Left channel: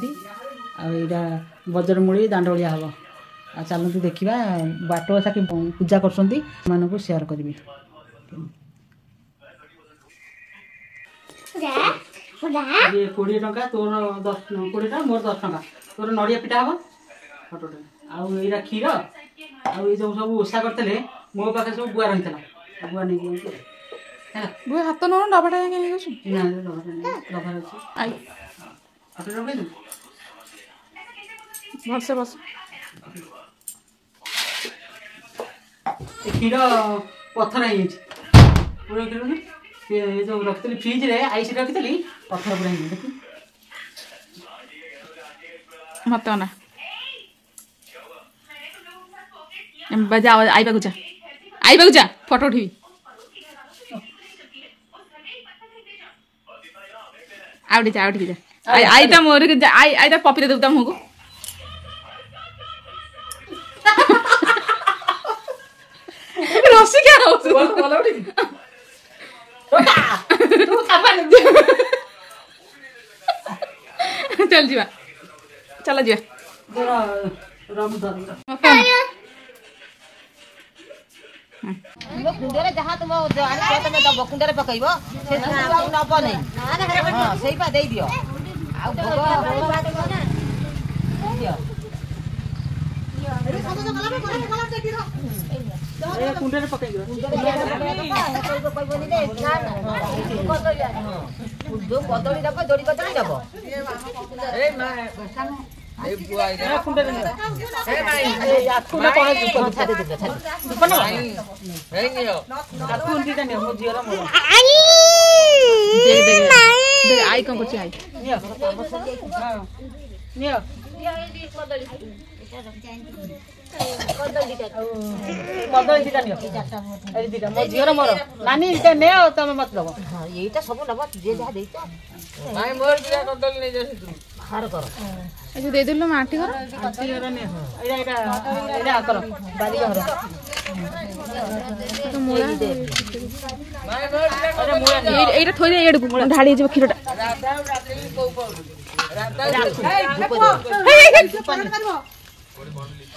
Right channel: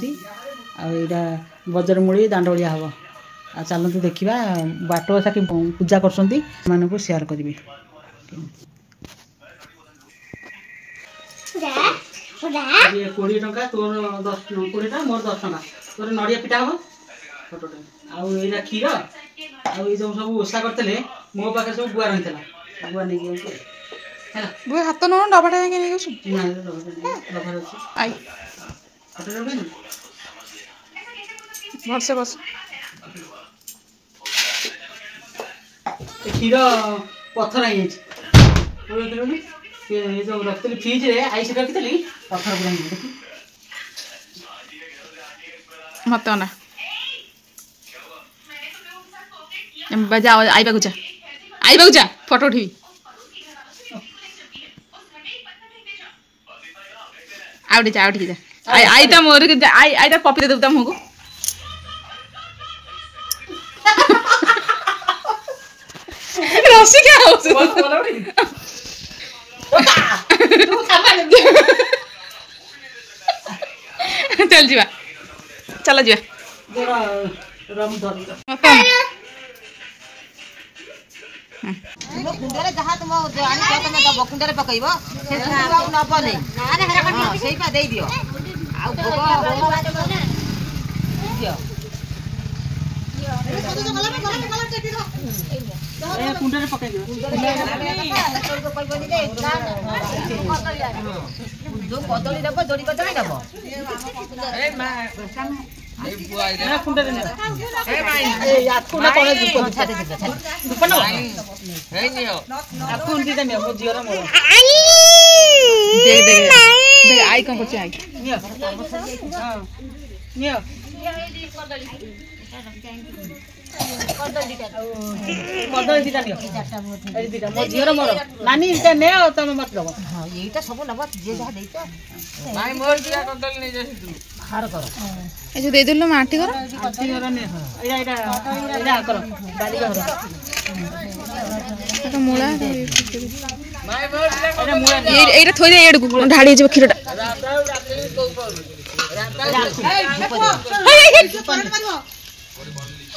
आईटा बजरमूली दांडोलिया हम आ चलते देखा बाट साथी पूजा कर सेयार करी 20 टंका तोर 10 20 टा मोर 10 टंका तोर नड़िया पिटा हम फोटोटे आईटा क्षीर आई जो सब ओषा करते मो पाखे सब बुआ रही बुआ नहीं बुआ हाथ नौ डबाटा जाके नहीं गछु ना डबा अच्छी आई फोटो रख भल से बस क्षीर पत्थर है जो रखी फ्रिज रे आईस रखी पत्थर पूरा देखी मत ना बजा आईबा जा फोटो उठी आउटी जा आई ता मोर के आई ता पपी दे देबता हमको रसी क्या हो चल जीवा चला जीवा कुंडे जहाँ तुम तुम दब कुंडे पकड़ से दे दियो कुंडे पकड़ कदली दब जोड़ी कदली दब आई कौन कर आई झीर मोर नानी ने तुम मत दब यहीटा सब नब जे जहाँ देता हार कर ए जो दे दिलो माटी कर आंटी घर ने एटा कर बारी घर तो मोला एटा मुळे एटा थोई दे एडू ढाडी जे खीरटा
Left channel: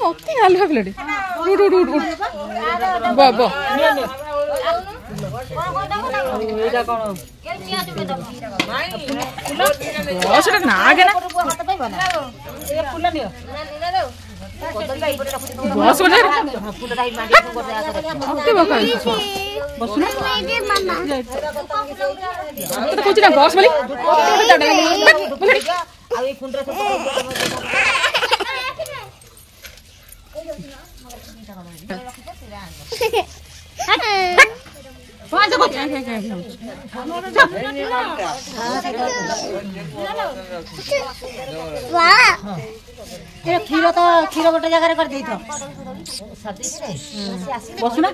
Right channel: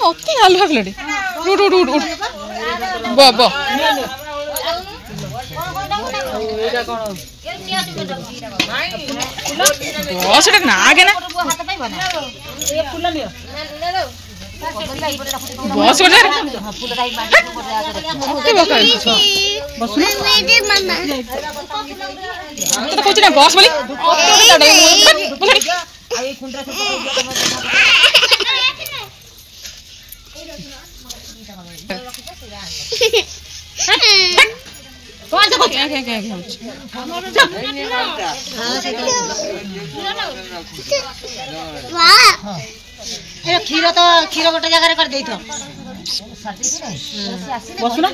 ओके हाल भागलडी उठ बा एटा कोन बस एटा ना आगे ना ए फूल नियो बस ओटे ओके बका बस ना तो कुछ ना बस बोली ओटे चढ़ाई बोली आई कुंडे क्षीर तो क्षीर गोटे जगह कर देथ बसुना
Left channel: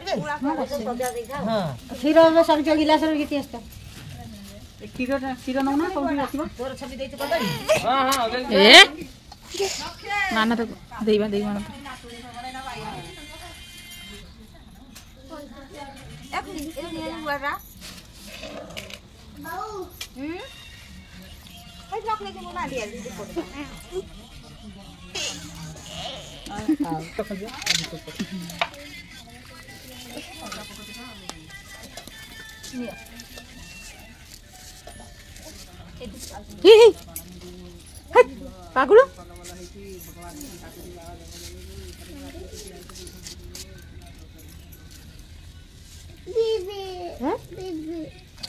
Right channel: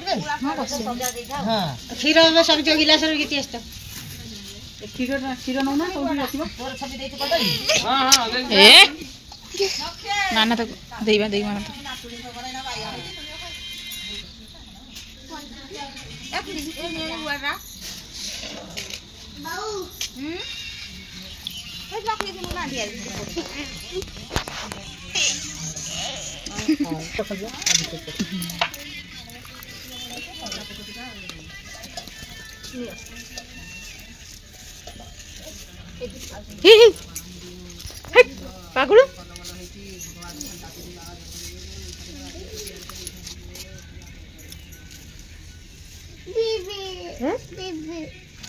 क्षीर सब जो गिलास गीति क्षीर नौ ना ए माना तो देवा देई माना तो पागुड़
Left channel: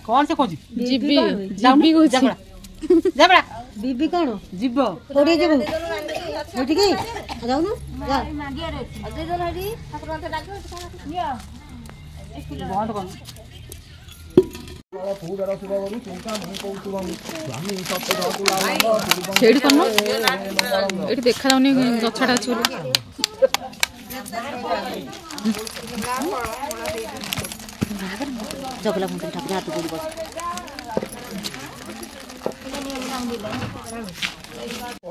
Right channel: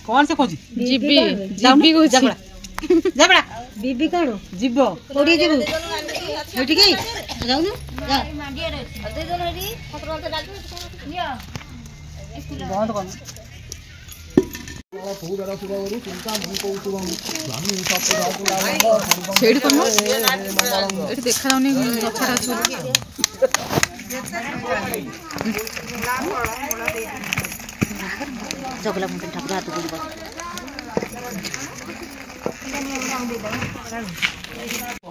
कौन से खोजी जीबी जीबी को जबड़ा बीबी कौन जीव थोड़ी जीव हेठी की जाऊ जा माडिया रे दे दे हेडी ठाकुर तो डाल नियो स्कूल बंद कर छेड़ी कौन एठी देखा जाउनी गछटा छुली जगला मुंडे ठाकुर हाथ जोड़ी बस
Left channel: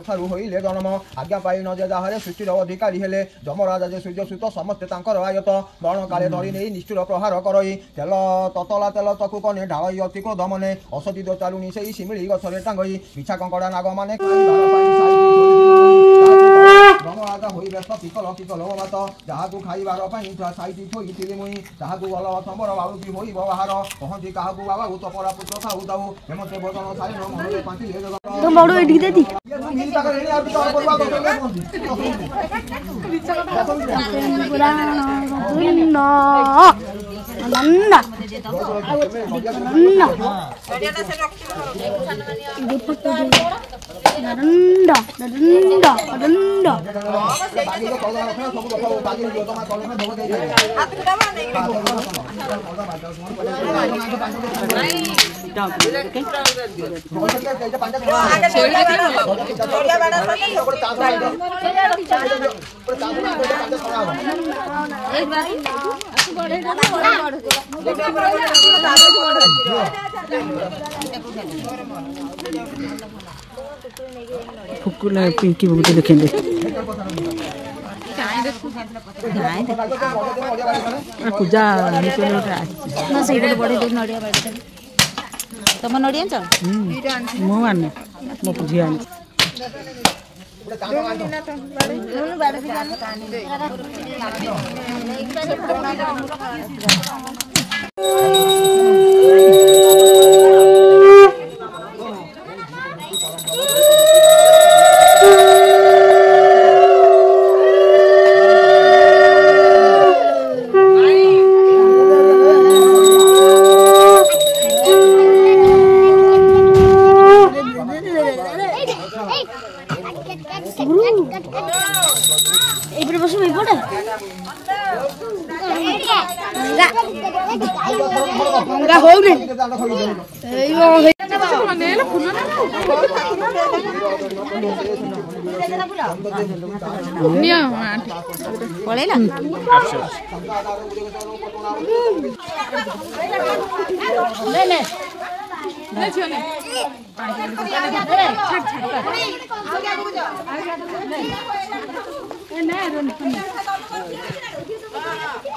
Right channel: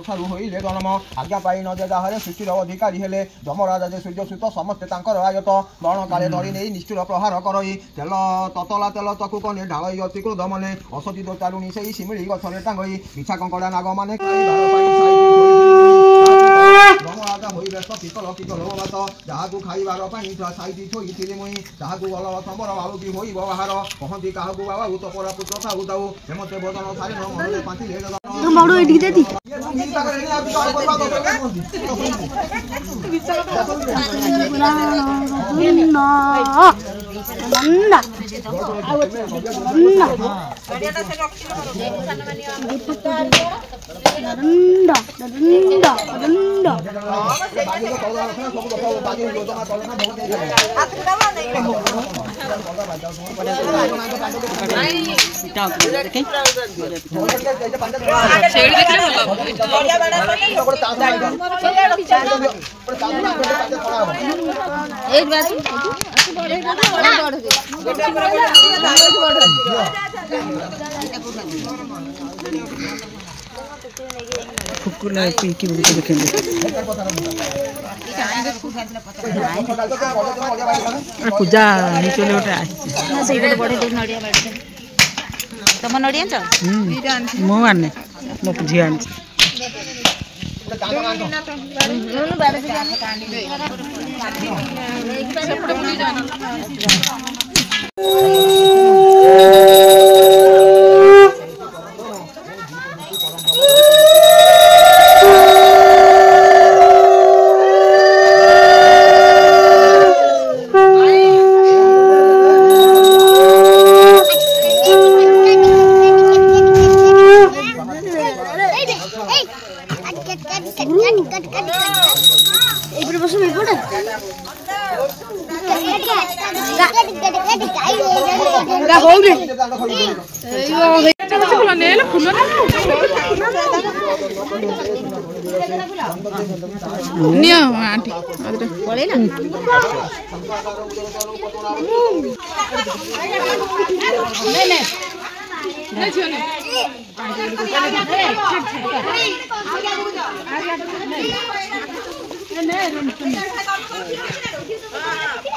ଠାରୁ ହୋଇଲେ ଜନ୍ମ ଆଜ୍ଞା ପାଇ ନ ଯେ ଯାହାରେ ସୃଷ୍ଟିର ଅଧିକାରୀ ହେଲେ ଯମରାଜ ଯେ ସୂର୍ଯ୍ୟସୂତ ସମସ୍ତେ ତାଙ୍କର ଆୟତ ବଣ କାଳେ ଧରି ନେଇ ନିଷ୍ଠୁର ପ୍ରହାର କରଇ ତେଲ ତତଲା ତେଲ ଚକୁ କନେ ଢାଳଇ ଅତି କ୍ରୋଧ ମନେ ଅସତୀ ଦୋଚାରୁଣି ସେଇ ଶିମିଳି ଗଛରେ ଟାଙ୍ଗଇ ମିଛା କଙ୍କଡ଼ା ନାଗମାନେ ଯମରାଜ ହୋଇ ବ୍ୟସ୍ତ ପିତଳ ପିତଳ ବାତ ଯାହାକୁ ଖାଇବାର ପାଇଁ ସାଇତି ଥୋଇଥିଲି ମୁଇଁ ତାହାକୁ ଭଲ ତମର ବାଳୁକି ହୋଇ ବାହାର କହନ୍ତି କାହାକୁ ବାବା ତପରା ପୁତ୍ର ଖାଉ ଯାଉ ହେମତେ ବଦନ ସାରିଣ ମନରେ ପାଞ୍ଚିଲେ फुकुला पिंकी बहुत देखेंगे पूजा तुम नड़िया मो आने मो झी आनी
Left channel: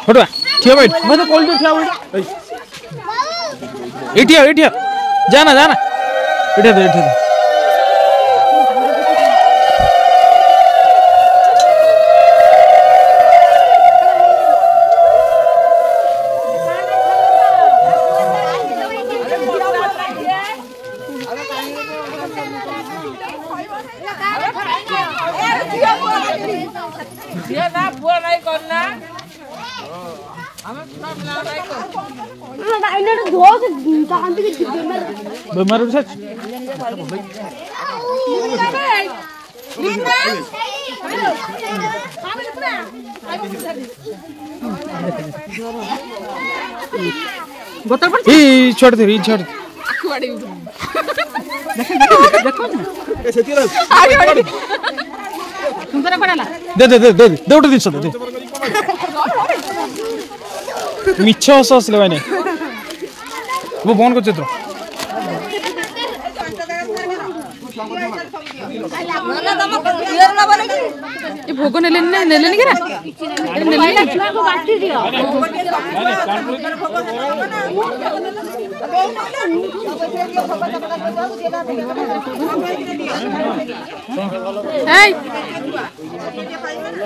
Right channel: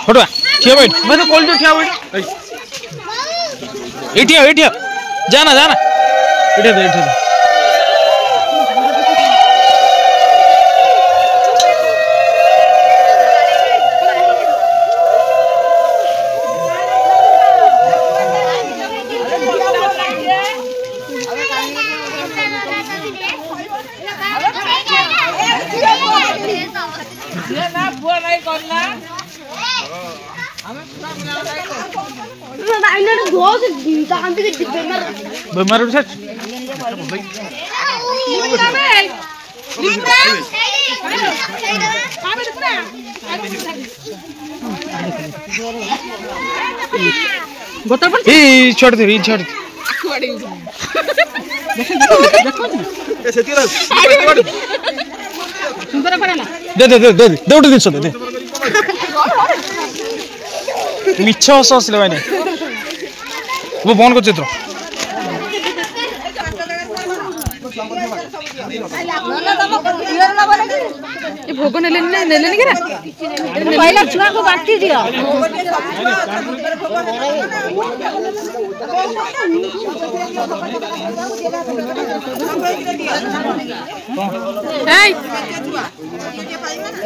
फोटो ठिया बैठ मैं तो कॉल जो ठिया बैठ एठिया जाना एठिया बेमार उठा छोड़ दे सुंदर पड़ाला दे उठे जिनस दे मिछ हस हसले भाई वो बंद कर चित्र भोग ने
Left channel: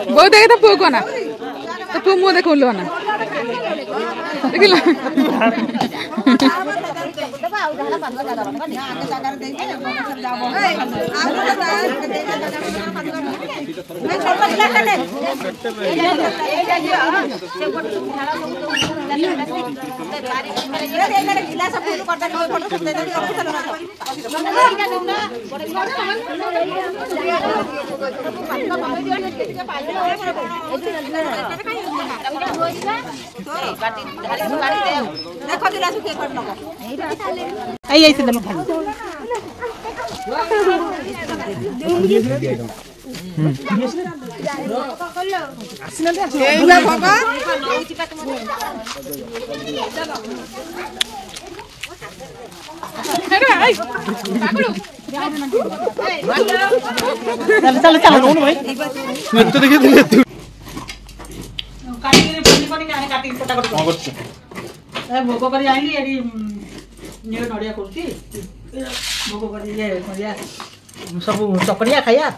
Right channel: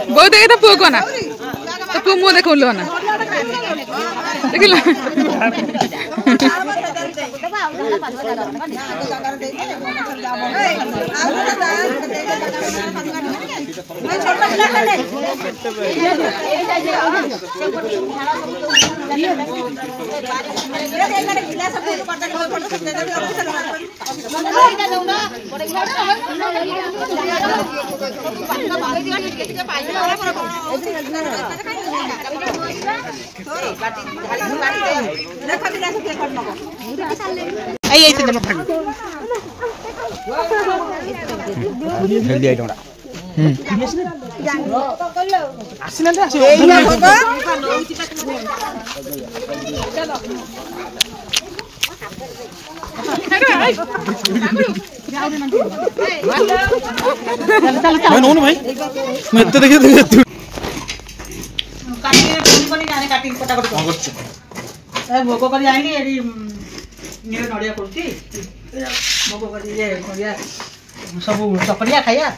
बहुत देखे तो पुओ को ना तो पुओ मुँह देख ना देखिल ନଉନୁ ଭାଇ ମୁଁ ଏତେ ଦେଖି ଦେଖି କାଟିକି ପନି ପନି ଆଣି କାଟିକି କଟା କଟି କଣ କରୁଛୁ? ଭୋଗ କରି ଆଣିଲି ଏଠି ନଡ଼ିଆ କରୁଛି ଭୋଗ କରି ନଡ଼ିଆ ସବୁ ଚକଡ଼ିଆ ଖାଇବା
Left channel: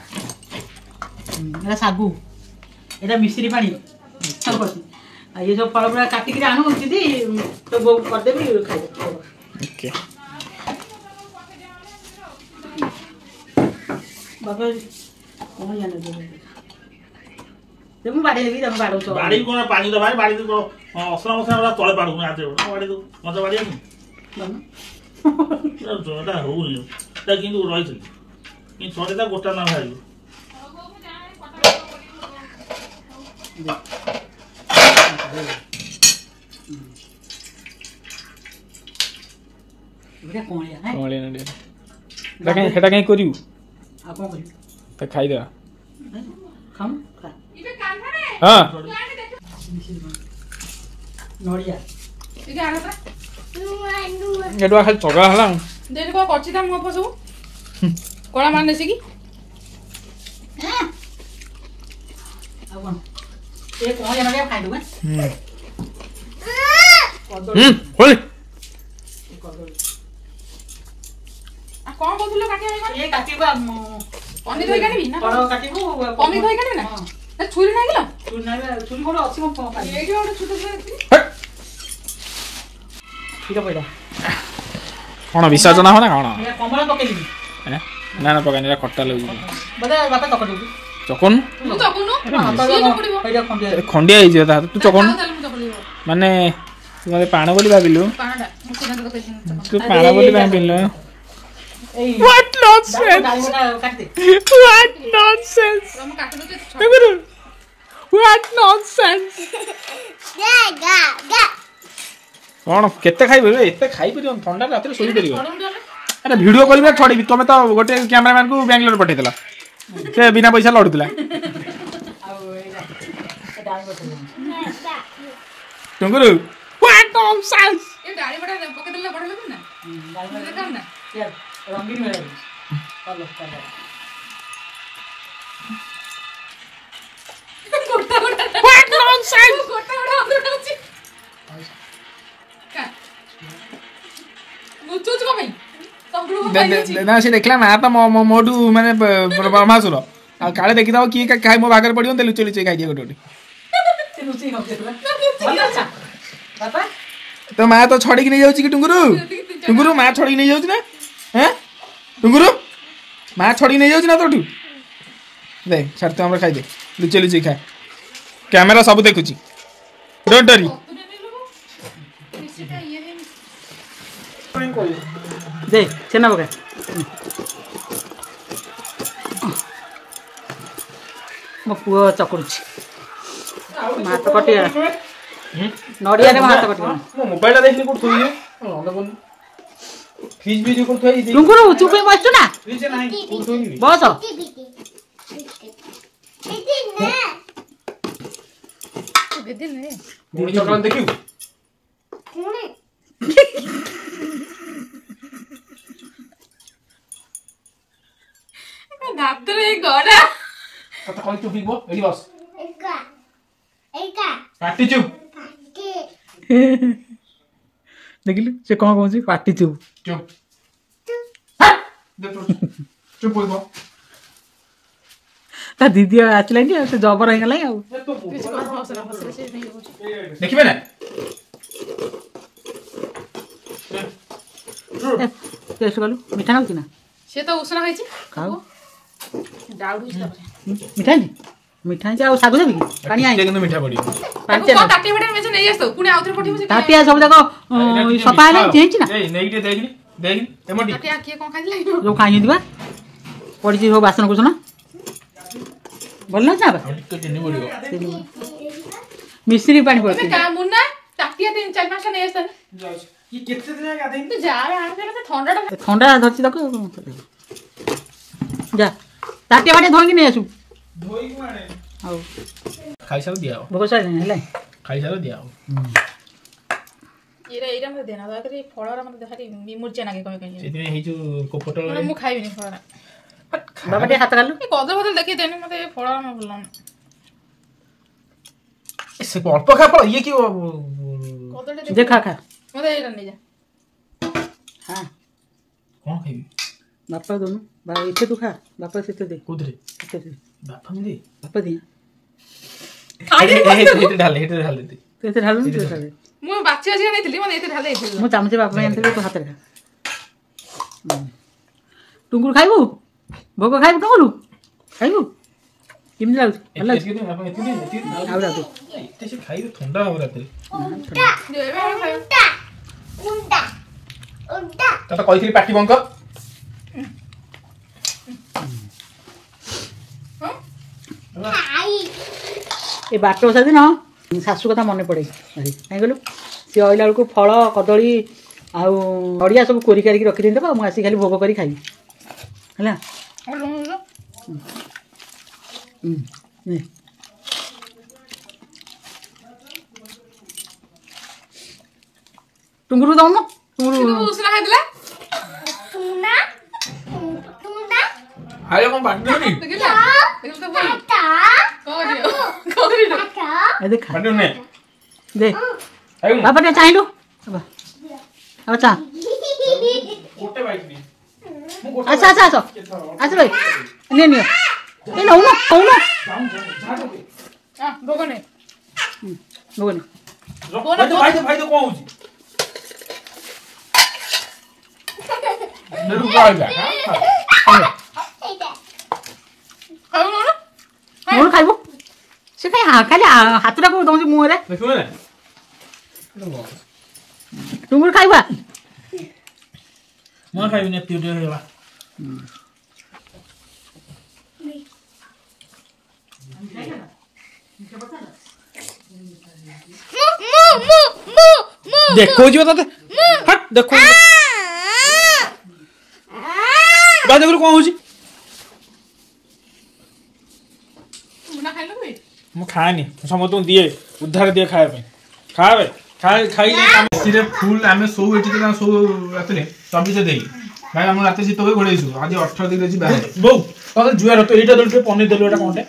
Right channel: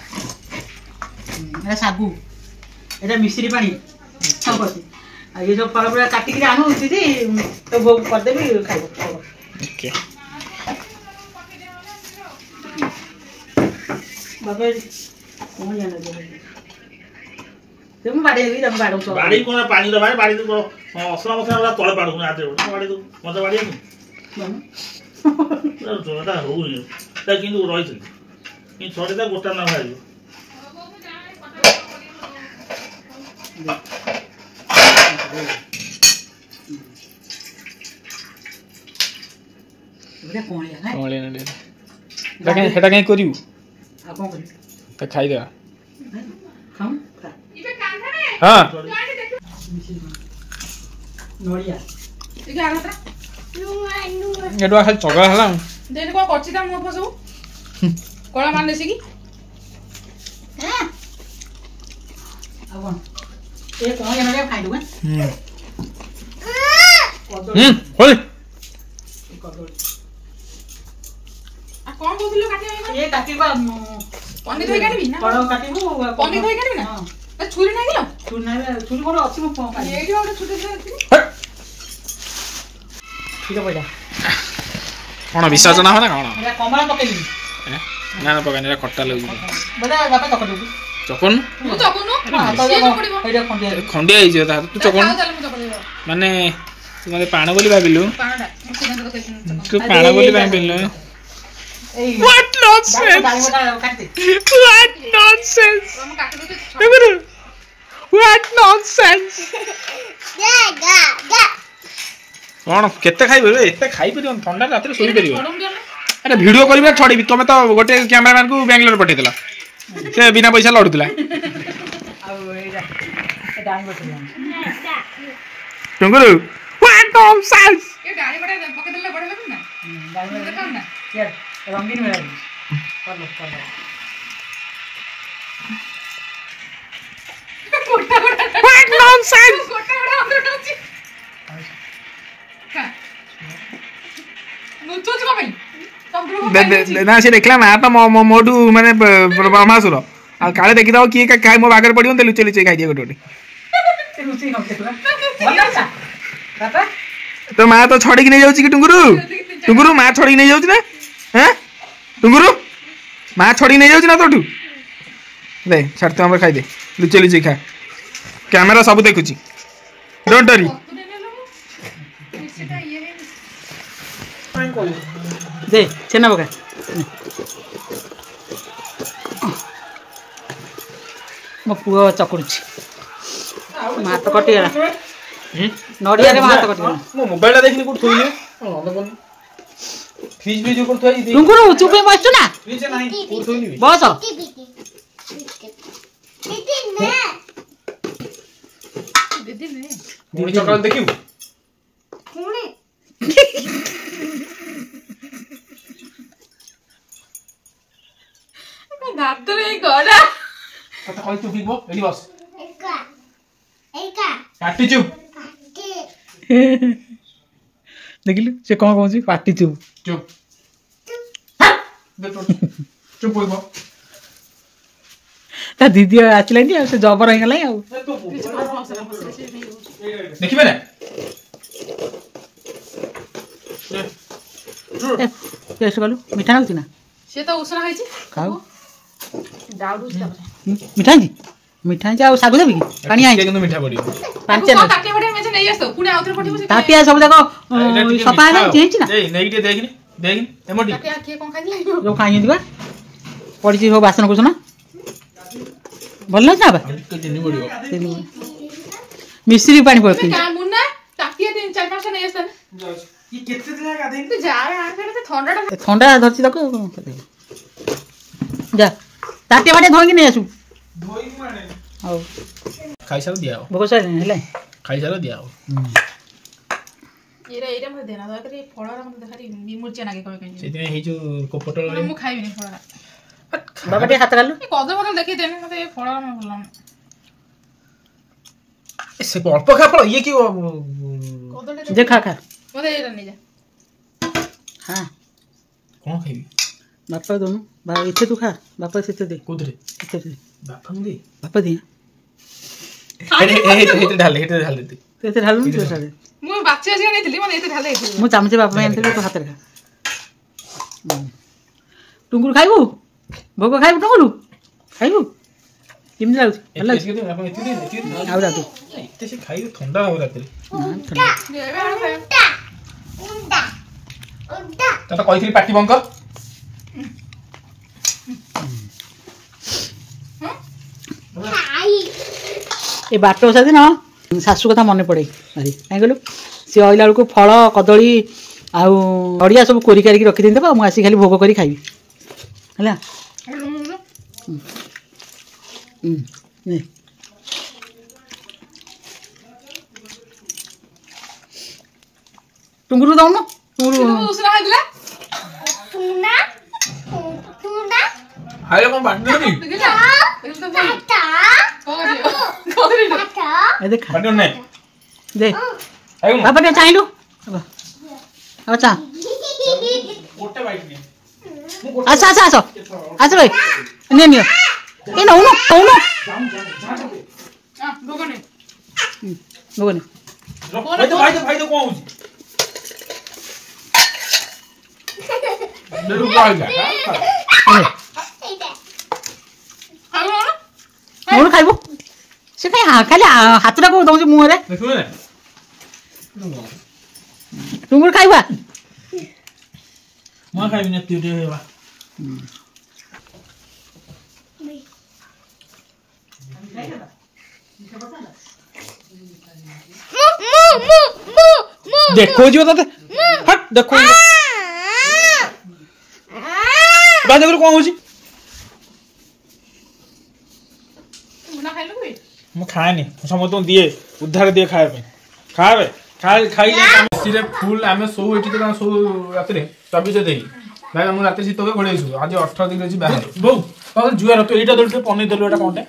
ଏଇଟା ଶାଗୁ ଏଇଟା ମିଶ୍ରି ପାଣି ସବୁ ଅଛି ଆଉ ଇଏ ସବୁ ଫଳ ଫଳ କାଟିକିରି ଆଣୁଛି ତ ଭୋଗ କରିଦେବି ଖାଇବ ଓକେ ବାବା କ'ଣ ଜାଣିବ ମୁଁ ବାଡ଼େଇବି ତମେ ବାଡ଼ଉଛ ବାଡ଼ି କ'ଣ ପାଣି ଦେବା ବାଡ଼ି ଅସନା ମସଲା ତଳେ ପାଡ଼ୁନି ହାତରେ ବାଡ଼ି ଦଉ ମତେ ବାଡ଼ିବାକୁ ଏଟା ହଉନି ତା କିନ୍ତୁ ରହିଥିଲି କିନ୍ତୁ ଥରେ ତା ଗୋଟା ନା ବାହାରିବ ସେଟା କାହିଁ କରିବୁ ଆଉ କ'ଣ କରିବି ତା ଖାଇଦେବା ଖାଉ ଖା ହଁ ନଡ଼ିଆ ଏଠୁ ଖାଲି ଚଗଲା ହେଲା ଦେଇ କ'ଣ କରୁଛି ତା ମୁହଁ ସବୁ କଳା ମାନେ ଆସିକି ଆଉ କ'ଣ ଏ କ'ଣ ଜାଣିବା ଖାଇଦେବୁ କଦଳୀ ହୋଇ କଦଳୀ କ'ଣ କହୁଥିଲ କାଟିବା ପାଇଁ ଏ କାଟିବା ପନି ଧୋଇ କାଟିବି ନା ଫଳ କାଟିବୁ ପନି ଧୋଇ କାଟିବି ନା ଛୁରୀ ନାଗିଲ ଛୁରୀ ନେବେ ଛୁରୀ ମୋର ଅଛି ମୁଁ କ'ଣ କାଟିବି ଏଇଠି ଗୋଟେ ଛୋଟ ଛୁଆ ଅଛି କ୍ଷୀର ପଇଲା କ'ଣ ବିସର୍ଜନ ହବ ନା କ'ଣ ଏଇଟା କମଳା ପକେଇବି ନା ନା ପକାନି ଏଇଟା ଖଟା ଲାଗୁଛି ବୋଲେ ବାପା ଚକଟିବୁ ଚକନୁ ମୁଁ ଚକୁନୁ ଏଇଟା ଖଣ୍ଡିଆ ଖଣ୍ଡିଆ ହେଇଯିବ ତା ତୁ ଚକନୁ ମାନେ ତୁ ମୋତେ ପାଣ ବୋଲି ଭାବିଲୁ ତୁ ପାଣ ବୋଲି ଭାବିଲୁ ଏଇ What nonsense! ଡାଳିମଟା କାଟିଦେ What nonsense! What nonsense! କ'ଣ କେତେ ଖାଇବ ଏତେ ଖାଇପାରିବନି ଥଣ୍ଡା ରାତିରେ ଶୋଇପାରିବ ଆରେ ଭିଡ଼ିଓ କରିବା ଛଡ଼ିବି ତମେ ତ ଗୋଟେ କ୍ୟାମେରାମ୍ୟାନକୁ ବାଙ୍ଗଲୋର ପଠେଇଦେଲ ସେ ବିନା ପଇସା ଲଢ଼ୁଥିଲା ଆଉ ଏଇଟା ଡାଳିମ ଟୁଙ୍ଗୁରୁ What nonsense! ଏ ଡାଳି ବଡା ପକେଇଦେଲେ ବଡ ଲାଗୁ ନା ଡାଳିମ ଦେଖାଉ ନା ରଙ୍ଗୀନ ଭଳିଆ କଲ କଲ What nonsense! ଗୋଟା ଗୋଟା ଅନ୍ଦର ଅଛି ନୁଚୁଛୁ କ'ଣ ପାଇଁ ନା ସେ ଦେଖିଲା ମା ତ ମୋଠୁ ମାନେ ବ୍ରହ୍ମାସୁର ଆଉ କାଳେ ଦେଖିଦବ କିଏ ଖାଇ ମୋ ଭାଗରେ ପଡ଼ିବ ଲୁଚେଇ ଲୁଚେଇ ଖାଇଦିଏ ଗୋଟେ ଗୋଟେ ତ ମା ତ ଛଡ଼ିକି ନେଇଯାଉଛି କି ଟୁଙ୍ଗୁରୁ ଟୁଙ୍ଗୁରୁ ମା ଛଡ଼ିକି ନେଇଯାଉଛି ନା ହଁ ଟୁଙ୍ଗୁରୁ ମା ଛଡ଼ିକି ନେଇଯାଉଛି ନା ତୋଠୁ ଦେ ଛାଡ଼ ତୁ ଆମର ଖାଇଦେ ଲୁଚେଇ ଲୁଚେଇ ଖା କ୍ୟାମେରା ସବୁ ଦେଖୁଛି ଡୋଣ୍ଟ ୱରି ଦେ ଛେନା ପକା ମୋ ପୁଅ ଚକୁଡୁଛି ମୋ ହାତ କଟିଗଲା ନଡ଼ିଆରେ ମୋ ହାତ କଟିଗଲା ମୋ ମୋବାଇଲଟା ଦେଖିଲି କୋଉଠି ଥୋଇଲି ଫ୍ରିଜ ଫ୍ରିଜ କୋଉଠି ଥୋଇ ଟୁଙ୍ଗୁରୁ ଚୁପ ହେଇ ବସିଛୁ ନା ଫ୍ରିଜ ନାହିଁ କୋଉଠି ଥୋଇଲି ବସ ଗୁଣି ଚକ୍ର ଦେଖିବୁ ଦାତରେ ଗଡା କଥା କହି ଚୁପ ହେଇବ ଏଠି ବସ ପାଟି ଚୁପ ଦେଖିଲୁ ସେ କ'ଣ କହୁଛି ପାଟି ଚୁପ ଚୁପ ଚୁପ ହେଇବ ତା ଦିଦି ଆସିଲାନି ଆଉ ସେ ଜବର ହେଇଗଲାଣି ଆଉ ଦେଖିବେ ନା ଟେଷ୍ଟ କଲୁ ମିଠା ଲାଗୁଛି ନା ସେ ତ ଉଷୁନା ଖାଇଛି ଖାଉ ଡାଉଟ୍ ହଉଛି ତାପରେ ମିଠା ହେଇଛି ମିଠା ହେଇଛି ଆଉ ଶାଗୁ ଦେବି କି ପାଣି ଆଣିଛି କିନ୍ତୁ ମିଠା ପଡ଼ିବ ପାଞ୍ଚ କାଟି ଫାଟି ମେଞ୍ଚେ ନେଇ ଆସିଥିବୁ ପୁଣି ଆଉଥରେ ପଠେଇବୁ ତାଟିଆ ସବୁ ଯାକ ସଫା ହେଲାଣି ହେଇଛି ନା ନେଇକି ଟିକେ ଦେଖିନି ଦେଖିନି ଏମଟି କାଟିଆ କିଏ କ'ଣ ଖାଇଥିଲା ଯୋଉ ଖାଇଛନ୍ତି ବା ପଡ଼ିଛି ସବୁ ବାସନ କୁସନ ଭଲ ଲାଗୁଛି ନା ଟିକେ ଚିନି ପଡ଼ିବ ମିଶ୍ରି ପାଣି ପକେଇ ମୁନା ତାଟିଆ 4-5ଟା ନେଇ ଆସିଥାଏ କେତେ ଦିନ ଗାଧେଇନି ତୁ ଯା ଥଣ୍ଡାଟା ଥଣ୍ଡା ଧରିଛି ତାକୁ ଯା ତାଟିଆ ବାଟିଆ ଧୋଇକି ନେଇ ଆସୁ ହଉ ଖାଇସାର ଦିଆ ହବ ଭୋକ ସାରିଲାଣି ହେଲା ଖାଇସାର ଦିଆ ହବ ଏଇଟା ମତେ ଦେନା ଦୟାକରି ଫଳରା ମତେ ଦେଖାରି ମୁର୍ଚା ନାଗେ କଣ କହିଁ ସେଇଥିପାଇଁ ହେଇ ଯୋଉ କୋପଟଳ ମୁଁ ଖାଇବିନି ଫଳରା ବାବା ଟିକେ ହାତ କାଲୁ ଏ କଦଳ ଫଦଳ ଦେଖେଇ ଦେନି ମତେ ଫଳରା ମତେ ଭଲ ଲାଗୁନି ସେ ଅଳ୍ପ ଖା ଫଳ ଇଏ କି କଦଳଟା ଯେ ଖା ଖା ମତେ ଏଇଟା ନେଇ ଯା ହଁ କଣ ଖାଇବି ବାପା ଦଉନୁ ବାପା ଏତେ ତୁ ଖା ବାପା ସେତେ ଦେ କୋଉଥିରେ ଏତେ ଦେ ବାପା ମୁଁ ଦେ ବାପା ଦେ ହେଇତେ ଢାଲେ ଦେ ତୁ ଏତେ ଢାଳୁନୁ ତୁ ସାଦେ ମୁଁ ବାଛି ବାଛି ନେଇଥିଲି ମତେ ଏତେ ଢାଲେ ହେଇଥିଲା ମୁଁ ଚାମଚ ବାପା ପାଇଁ ଆଣିଥିଲି ତୁ ହାତରେ ଖା ଟୁଙ୍ଗୁରୁ ଖାଇବୁ ଭୋଗ ଖାଇବୁ ଟୁଙ୍ଗୁରୁ ଖାଇବୁ କେମିତି ଲାଗୁଛି ଭଲ ଲାଗୁଛି ଆଉ ରାତି ଏତେ ସେ ଖାଇବେ ଥଣ୍ଡା ହବ ରାତିରେ ତତେ କହିଥିଲି ପାଟି ବଙ୍କ ଏ ବାଟ ଓଷା ଦିନ ଶାଶୁ କଥା ମନେ ପଡ଼େ ଭାରି କାହିଁ କହିଲୁ ସିଏ ଅଇଲା ବେଳକୁ ଫଳ କଦଳୀ ଆଉ ନଡ଼ିଆ ସବୁ କୋରି କାରିକି ରଖିଦେଇଥିବ ମୁଁ ଆସିକି ଖାଲି ଭୋଗ କରି ଖାଇବି ହେଲା ଟୁଙ୍ଗୁରୁ ଦଉନ ଟୁଙ୍ଗୁରୁ ଉଷୁନା ଖାଇଥିଲା ଖାଇଲେ କଣ ପାଟି ଦେବି ଦେଖା ପାଟି ନେ ଦେ ଖାଇବୁ ବାପା ଟିକେ ଚାହିଁଲୁ ଆଉ ଚା ଗୋଟେ ବାଇଟ୍ ନେ ଆସ ଆସ ଆସ ଆସ ଭାଇ ନିଅ ଏ ନଉନ ନଉନ ଭୋଗ ନେ ଭୋଗ ନେ ଭାଇ କଣ ହଉଛି ନଉନ ଖାଇବୁ ସେ କାଇଁ ଖାଲି ହାତଟା କୋଉ ଦଉଛି ମୁହଁରେ ଟୁଙ୍ଗୁରୁ ଖାଇବା ମୁଁ ଖାଇବି ନା ତୁ ଖାଇବା ଦେଖଉଛି ତତେ ହଟ୍ ଦେଖଉଛି କଣ ହଉଛି ମୁଁ ଖାଏନି ସମସ୍ତଙ୍କୁ ଦିଏ ଉଦ୍ଧାର ଦିଏ ଖାଇବା ପାଇଁ ଖାବେ ଖାଇଲେ ଏସିରେ ଫୁଲ ଆମେ ଶୋଉ ଏଠି ତ ଶୋଉ ରାତିରେ 24 ଦେଇ ଭାଇ ଆମର ରାତି ଶୀତ ହୁଏ ଘୋଡ଼େଇ ଶୋଉ ଆଜି 18 ଦିନ ଅଛି ବାହାରେ ବୋଉ ଜୁଆର ତ ଏଇଟା ତ ପନେଇ ଦେଲୁ ଏଇଟା କଣଟେ